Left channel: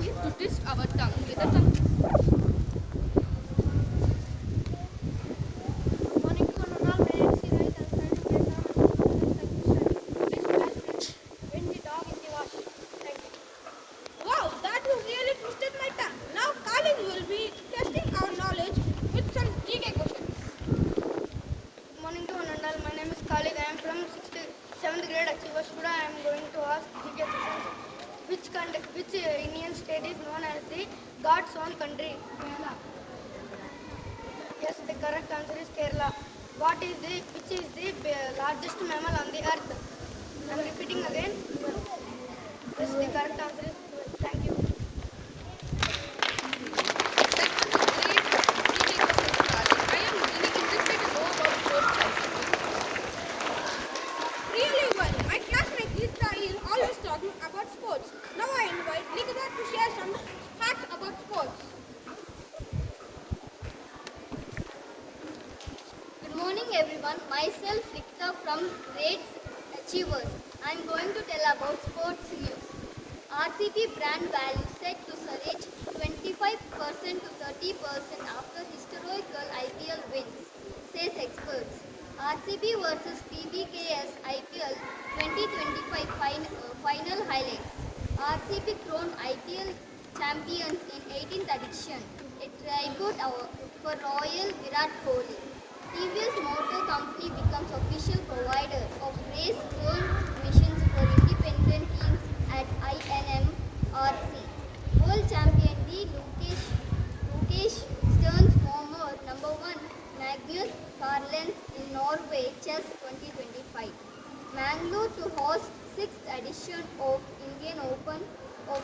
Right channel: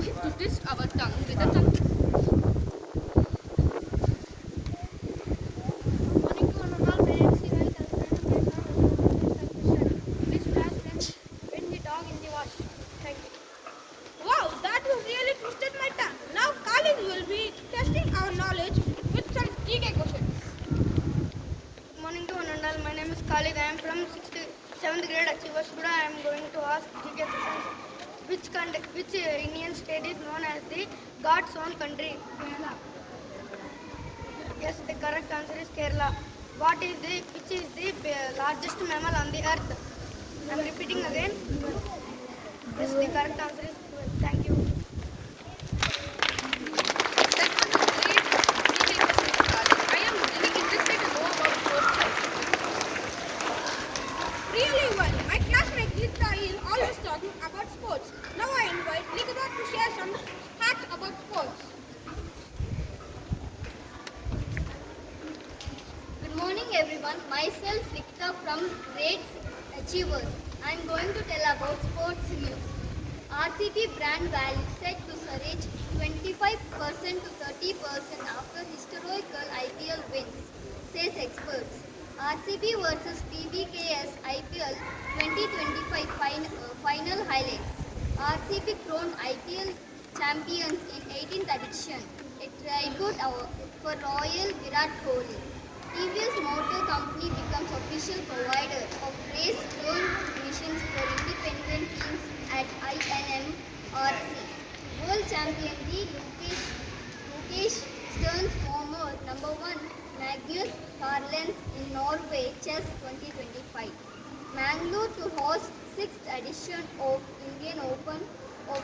use it to twist our tongue with a tongue. Morning to one and all. My name is Siraj. Please flash when the dog in the wash. Thank you. Wow, that was really twisted my tongue. Now Khalid will be testing our knowledge with some GK questions. Good morning to one and all. My name is Khalid. I am from 7th grade Achievers. Today I am going to ask GK questions. Which Indian state is known as the God's own country? Yes, the correct answer is Kerala. Which is the largest mammal on the earth? I am repeating again. Yes, the correct answer is whale. Thank you. That was a great GK question, Khalid. I am really interested to know about sports science. Really well. My classmate Geeta is always talking about sports. Now I invite Likita to share some facts about sports. Good morning everyone. Myself Rikta from Grade Achievers. I am going to tell about sports news. RCB brand value set to surge 25% to 30% after historical IPL wins, says experts. RCB versus PBKS IPL 2025 final highlights. RCB crowned IPL champions in 18th edition, a tribute for Royal Virat Kohli. TVS Motor Company becomes official provider of race-tuned machines for independent teams at INMRC. World Champion V. Lukesh Stearns former number 1 Magnus Carlsen in Norway Chess 2025. Mangalore to host 6th edition of Indian Open of